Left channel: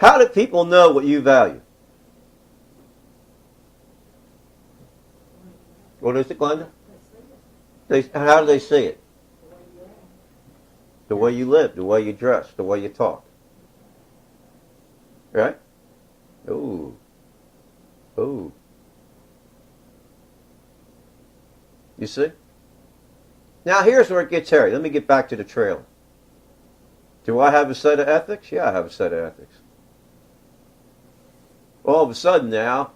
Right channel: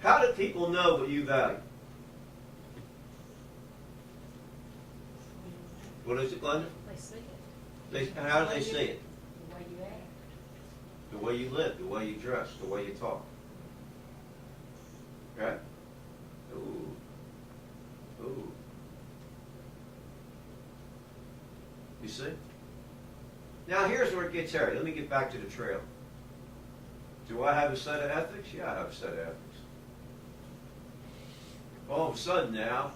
How do people know what you value? What is it, Glenda? They see it. How do they see it? The way you act. The way you live, the way you dress, the way you talk. Right? Ooh. Ooh. You see? Now here's where it gets hairy. Let me get back to the trailer. Do I have a set of ethics? Yeah, I have a set of ethics. All of a sudden now,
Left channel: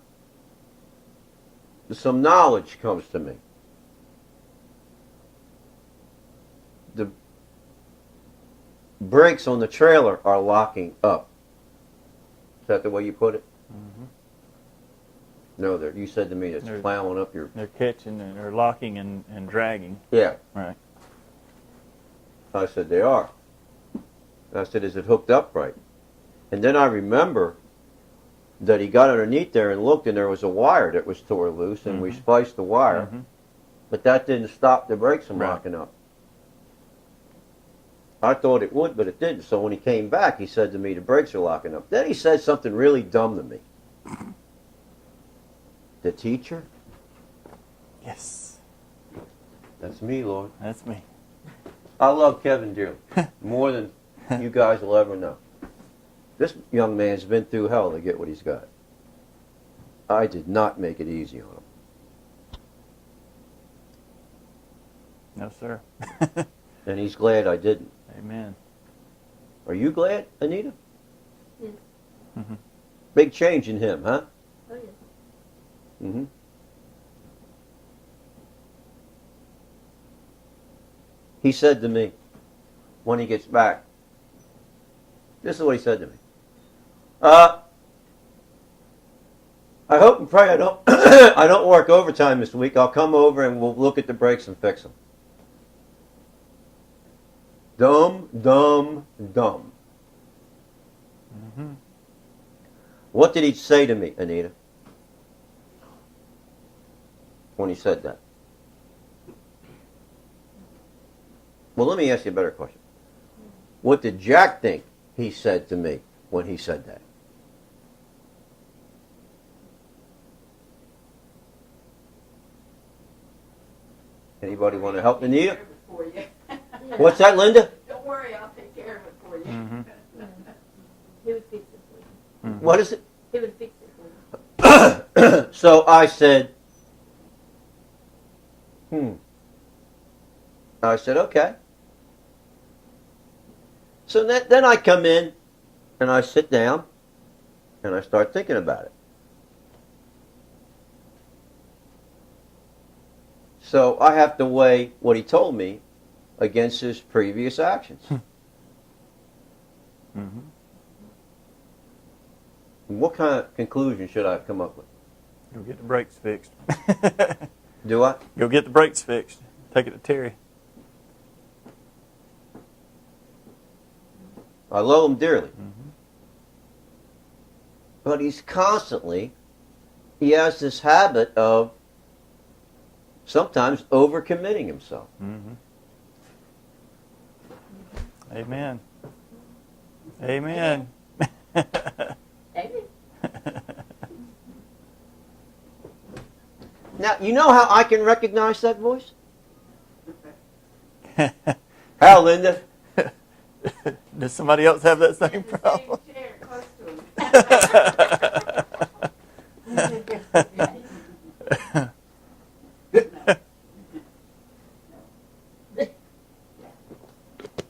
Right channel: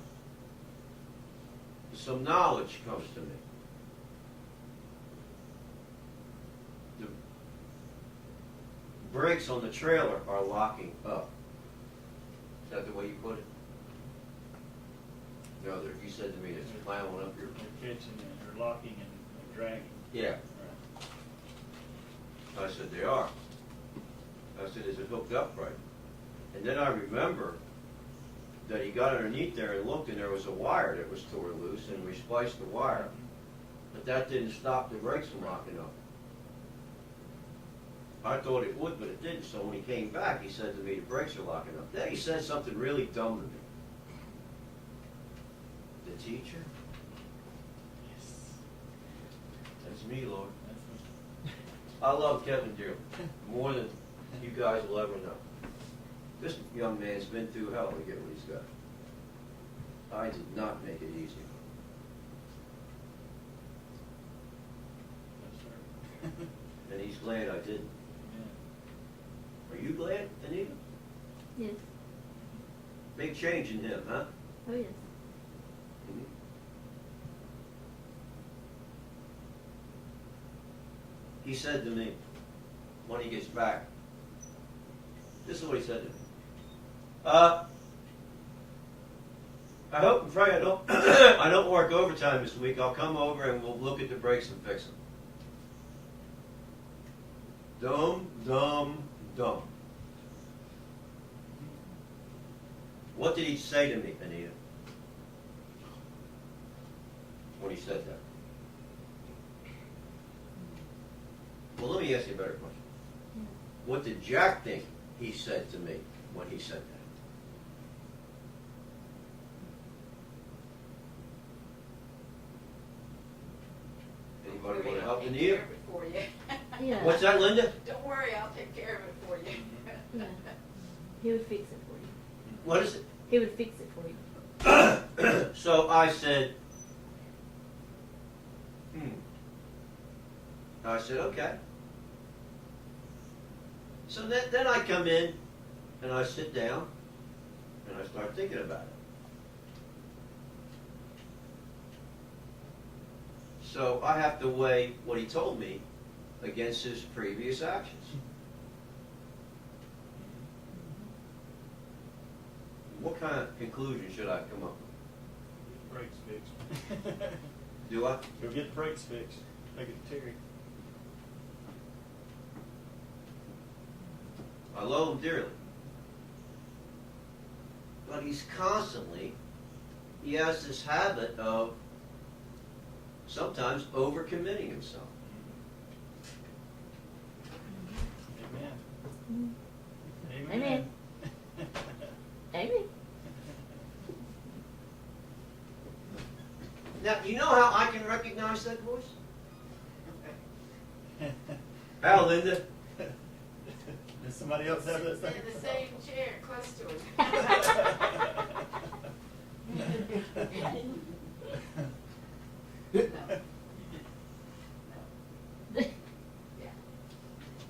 some knowledge comes to me. The brakes on the trailer are locking up. Is that the way you put it? No, you said to me it's plowing up your... They're catching, they're locking and dragging. Yeah. Right. I said, they are. I said, is it hooked up right? And then I remember that he got underneath there and looked, and there was a wire that was tore loose, and we spliced the wire. But that didn't stop the brakes from locking up. I thought it would, but it didn't. So when he came back, he said to me, the brakes are locking up. Then he said something really dumb to me. The teacher? Yes. That's me, Lord. That's me. I love Kevin dearly, more than you guys will ever know. This young man's been through hell to get what he's got. I did not make it easy on him. No, sir. And he's glad I didn't. Amen. Are you glad, Anita? Yes. Big change in him, huh? Oh, yes. Mm-hmm. He said to me, when he gets back, this is what he said to me. I hope and pray I don't I don't work overtime this week. I'll come over and we'll look at the brakes and fix them. Dumb, dumb, dumb. What did he say to me, Anita, when he said that? Well, let me ask you a better question. What did Jack think he said to me when he said that? Anybody want to help Anita? For you. Yeah. What's that, Linda? Don't worry, I'll take care of it for you. He would fix it for you. What is it? He would fix it for you. So I said, I said, okay. So then I come in and I sit down and I start thinking about it. So I have to weigh what he told me against his previous actions. What kind of conclusion should I come up with? Go get the brakes fixed. Do I? Go get the brakes fixed. Take it to Terry. I love him dearly. But he has this habit of sometimes overcommitting himself. Amen. Amen. Amen. Now, you know how I can recognize that voice? How, Linda? Does somebody else have that same In the problem? same chair, close to him.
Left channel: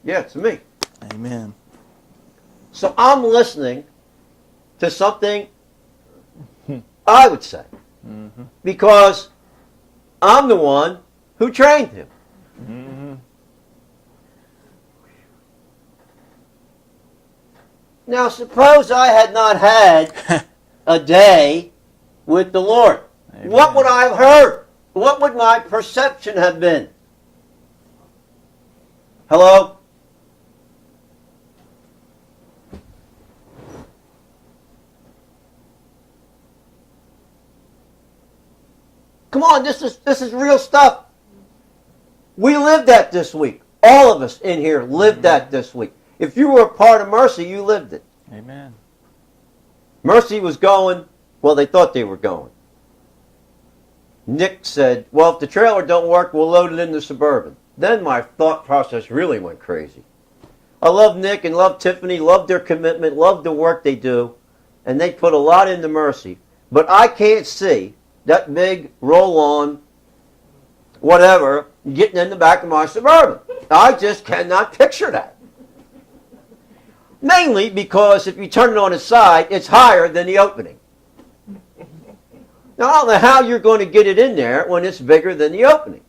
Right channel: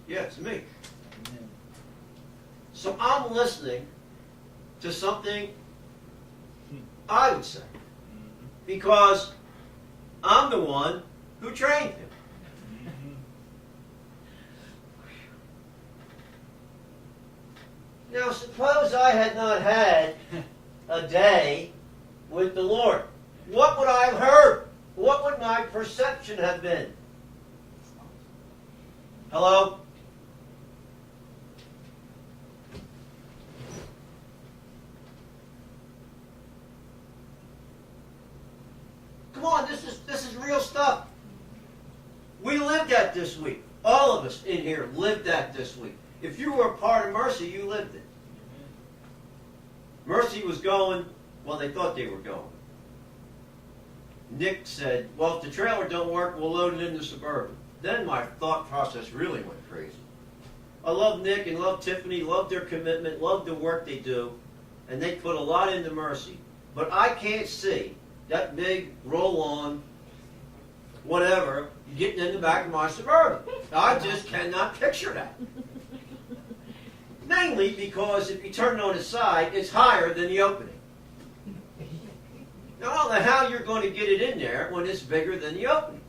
Yeah, it's me. Amen. So I'm listening to something I would say. Because I'm the one who trained him. Now, suppose I had not had a day with the Lord. Amen. What would I have heard? What would my perception have been? Hello? Come on, this is real stuff. We lived that this week. All of us in here lived that this week. If you were a part of Mercy, you lived it. Amen. Mercy was going, well, they thought they were going. Nick said, well, if the trailer don't work, we'll load it in the Suburban. Then my thought process really went crazy. I love Nick and love Tiffany, love their commitment, love the work they do, and they put a lot into Mercy. But I can't see that big roll-on, whatever, getting in the back of my Suburban. I just cannot picture that. Mainly because if you turn it on its side, it's higher than the opening. Now, I don't know how you're going to get it in there when it's bigger than the opening.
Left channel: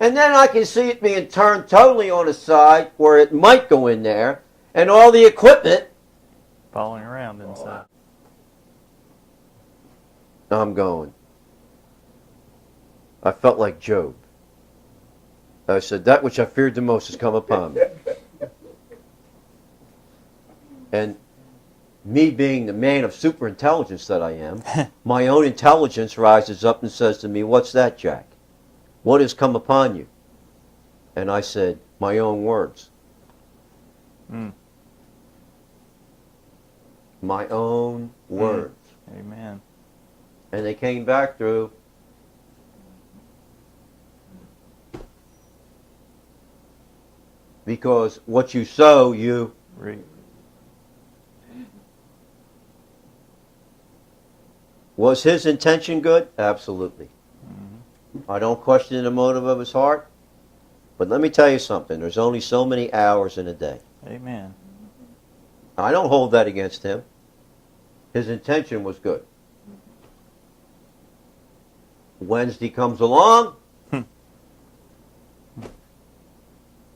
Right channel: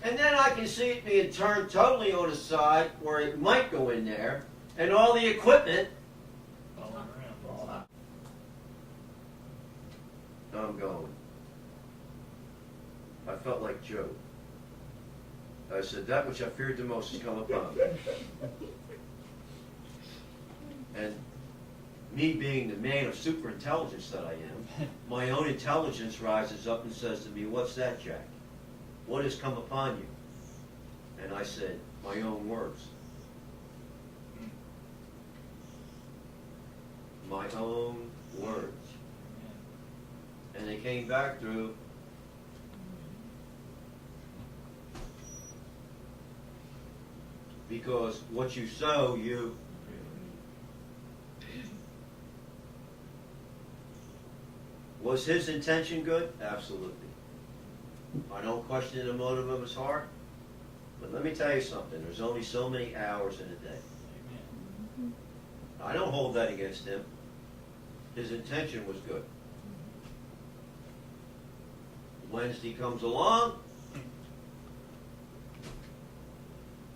And then I can see it being turned totally on its side where it might go in there, and all the equipment. Falling around inside. I'm going. I felt like Job. I said, that which I feared the most has come upon me. And me being the man of super intelligence that I am, my own intelligence rises up and says to me, what's that, Jack? What has come upon you? And I said, my own words. My own words. Amen. And they came back through. Because what you sow, you Read. Was his intention good? Absolutely. I don't question the motive of his heart. But let me tell you something. There's only so many hours in a day. Amen. I don't hold that against him. His intention was good. Wednesday comes along.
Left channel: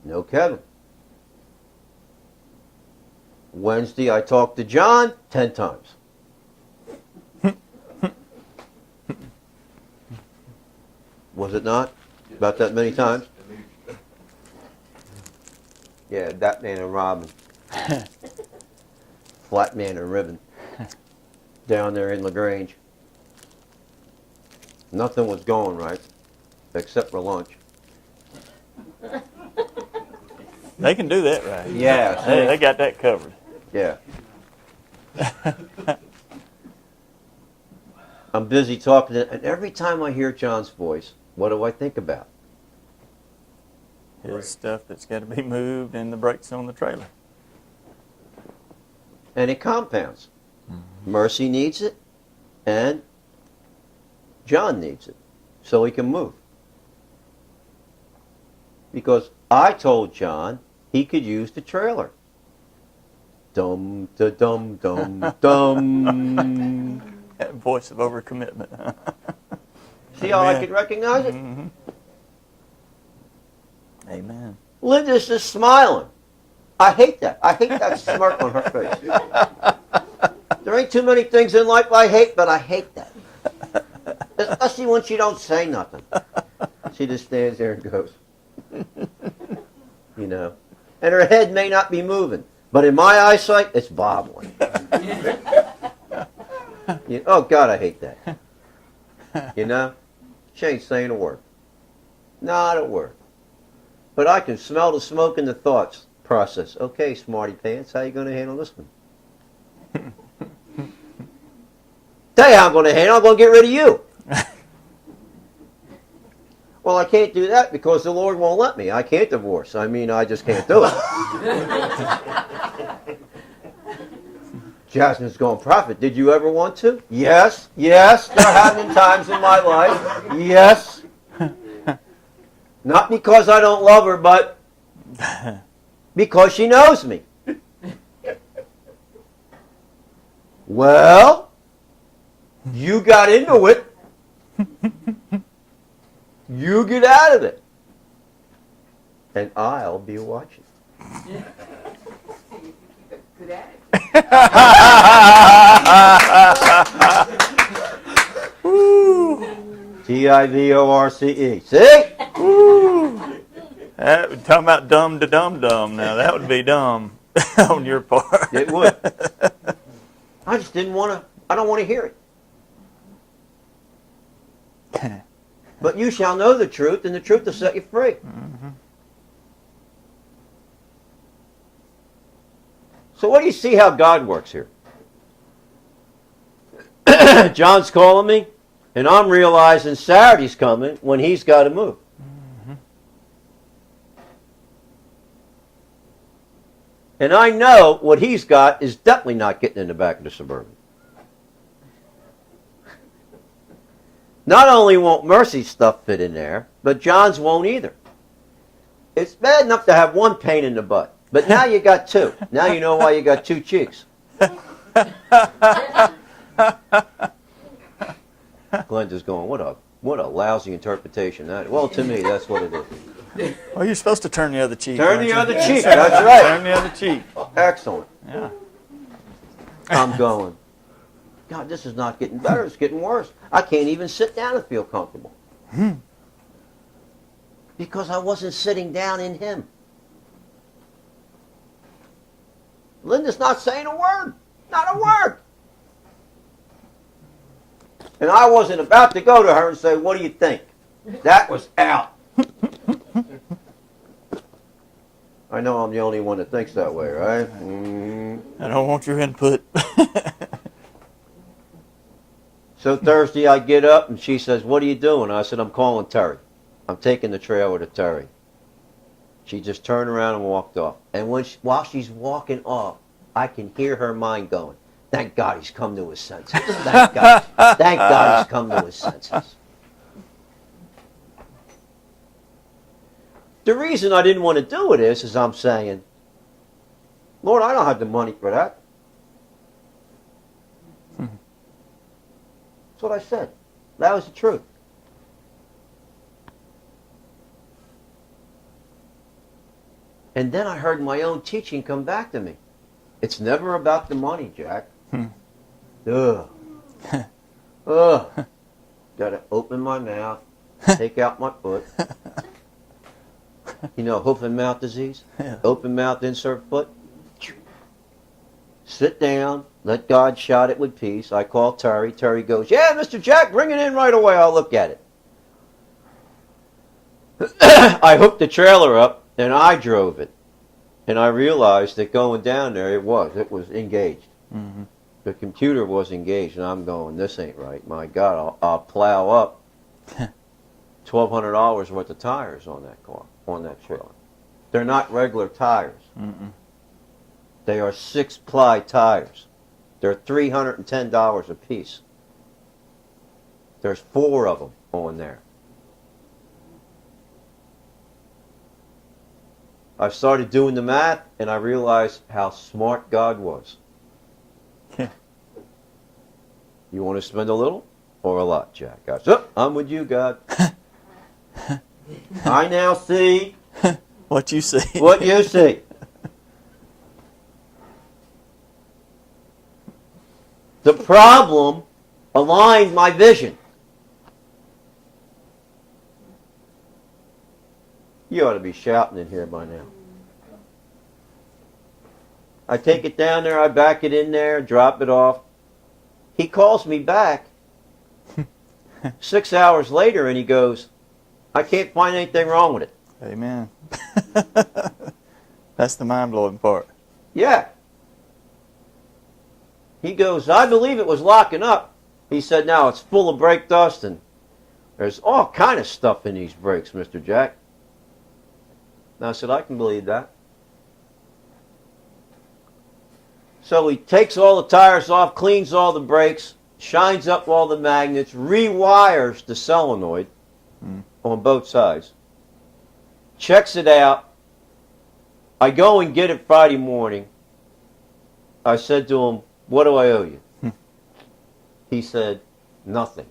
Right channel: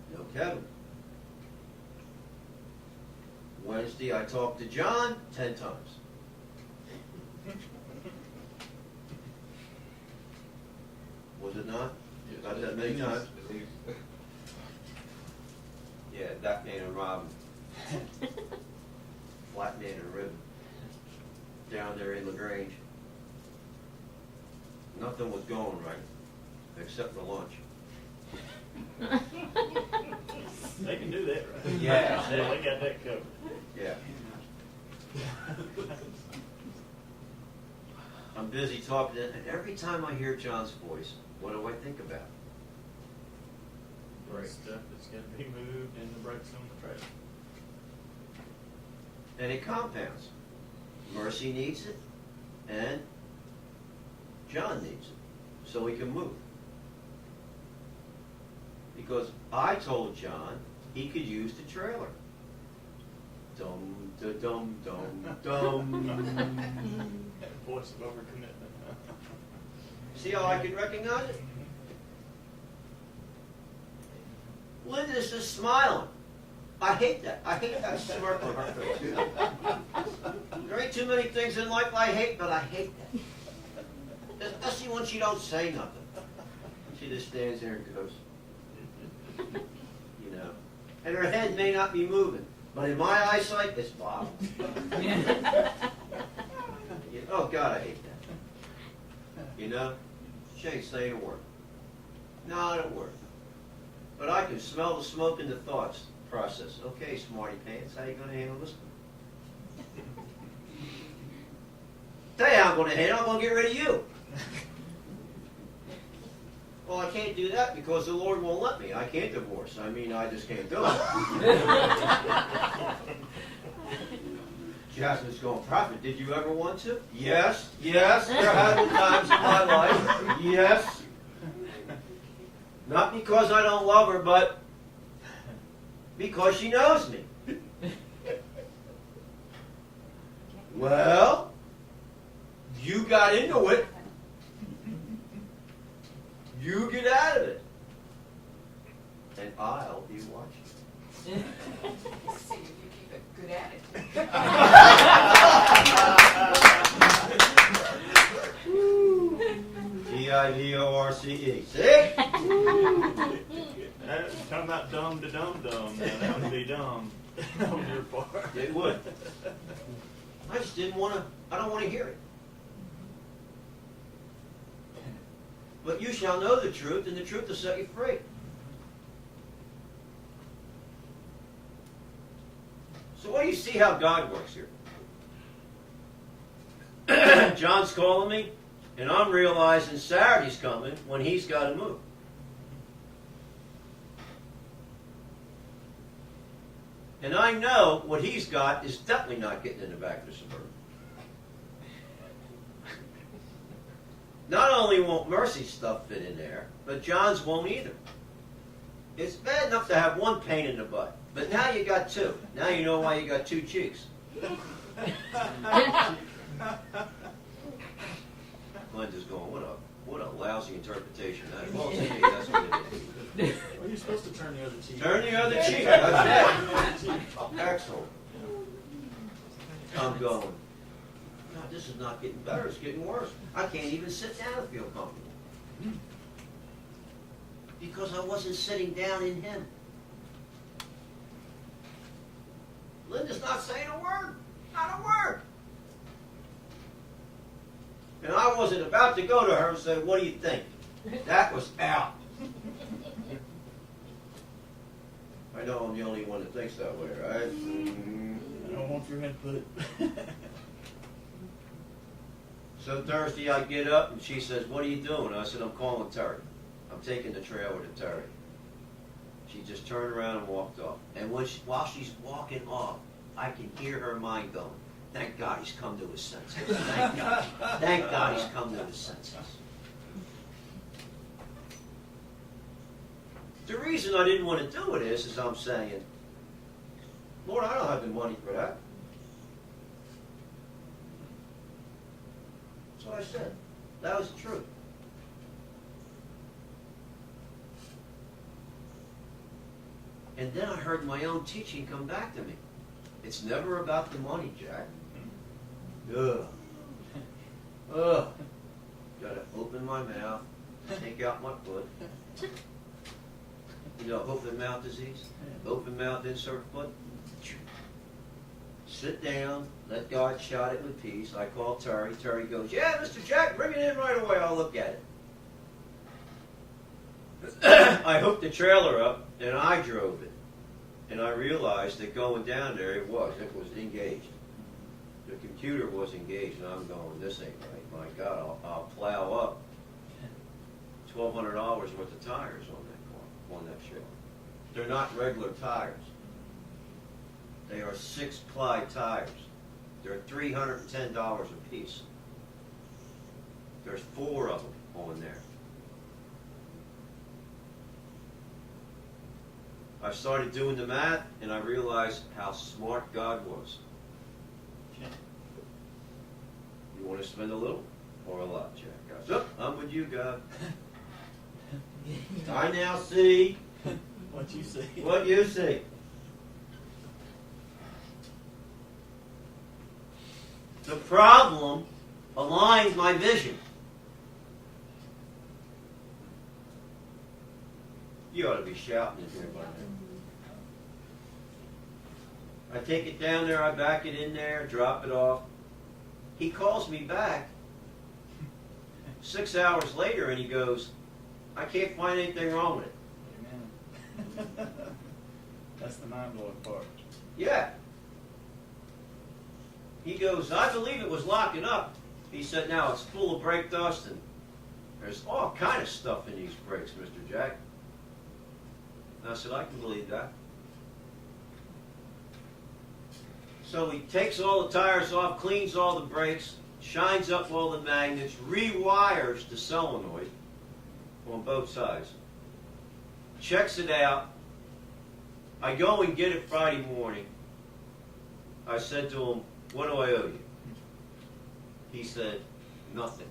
No Kevin. Wednesday I talked to John 10 times. Was it not? About that many times? Yeah, that man and Robin. Flat man and Ribbon. Down there in LaGrange. Nothing was going right, except for lunch. They can do that right. Yeah. They got that covered. Yeah. I'm busy talking, and every time I hear John's voice, what do I think about? It's stuff that's got to be moved and the brakes on the trailer. And it compounds. Mercy needs it, and John needs it, so he can move. Because I told John he could use the trailer. Dum da dum dum dum. That voice of overcommitment. See how I Amen. can recognize it? Mhm. Amen. Linda's just smiling. I hate that. I hate that smirk on her face. There ain't too many things in life I hate, but I hate that. Especially when she don't say nothing. She just stands there and goes. You know. And her head may not be moving, but in my eyesight, it's bobbling. Oh, God, I hate that. You know? She ain't saying a word. Not a word. But I can smell the smoke and the thoughts process. Okay, smarty pants, how you going to handle this one? Tell you how I'm going to handle it. I'm going to get rid of you. Well, I can't do that because the Lord won't let me. I can't divorce. I mean, I just can't do it. Jasmine's going, Prophet, did you ever want to? Yes, yes, there have been times in my life. Yes. Not because I don't love her, but because she knows me. Well, you got into it. You get out of it. And I'll be watching. See if you keep it good at it. T-I-V-O-R-C-E. See? Talking about dumb to dumb. Now that would be dumb on your part. It would. I just didn't want to, I don't want to hear it. But you shall know the truth, and the truth will set you free. Mhm. So what do you see how God works here? John's calling me, and I'm realizing Saturday's coming when he's got to move. And I know what he's got is definitely not getting in the back of the Suburban. Not only won't Mercy's stuff fit in there, but John's won't either. It's bad enough to have one pain in the butt, but now you got two. Now you know why you got two cheeks. Glenda's going, what a lousy interpretation that is. Well, to me, that's what it is. Well, you're supposed to turn the other cheek. Turn aren't the you? other cheek, that's right. Turn the other cheek. Excellent. Yeah. I'm going, God, this is not getting better. It's getting worse. I can't even sit down and feel comfortable. Because I wasn't sitting down in him. Linda's not saying a word. Not a word. And I wasn't about to go to her and say, what do you think? That was out. I know I'm the only one that thinks that way, right? I don't want your input. So Thursday I get up and she says, what are you doing? I said, I'm calling Terry. I'm taking the trailer to Terry. She just turned around and walked off. And while she's walking off, I can hear her mind going, thank God he's come to his senses. Thank God. Thank God he's come to his senses. The reason I didn't want to do it is I'm saying, Lord, I don't have the money for that. That's what I said. That was the truth. And then I heard my own teaching come back to me. It's never about the money, Jack. Ugh. Ugh. Gotta open my mouth, take out my foot. You know, hoof and mouth disease? Yeah. Open mouth, insert foot. Sit down, let God shot it with peace. I call Terry. Terry goes, yeah, Mr. Jack, bring it in right away. I'll look at it. I hooked the trailer up and I drove it. And I realized that going down there, it was engaged. Mm-hmm. The computer was engaged, and I'm going, this ain't right. My God, I'll plow up $1,200 worth of tires on that car, on that trailer. They're not regular tires. Mm-mm. They are 6-ply tires. They're $310 a piece. There's 4 of them on there. I started doing the math, and I realized how smart God was. You want to spend a little or a lot, Jack? I said, I'm with you, God. I now see What you see. what you see. The problem aligned my vision. You ought to be shouting in here by now. I take it down there, I back it in there, drop it off. He calls me back 6 hours later and he goes, I can't find anything wrong with it. Amen. That's the mind-blowing part. Yeah. He goes, I believe it was locking up. He said, now it's full of brake dust and there's all kind of stuff in these brakes, Mr. Jack. And I said, I can believe that. So he takes all the tires off, cleans all the brakes, shines up all the magnets, rewires the solenoid on both sides, checks it out. I go and get it Friday morning. I said to him, what do I owe you? He said, nothing.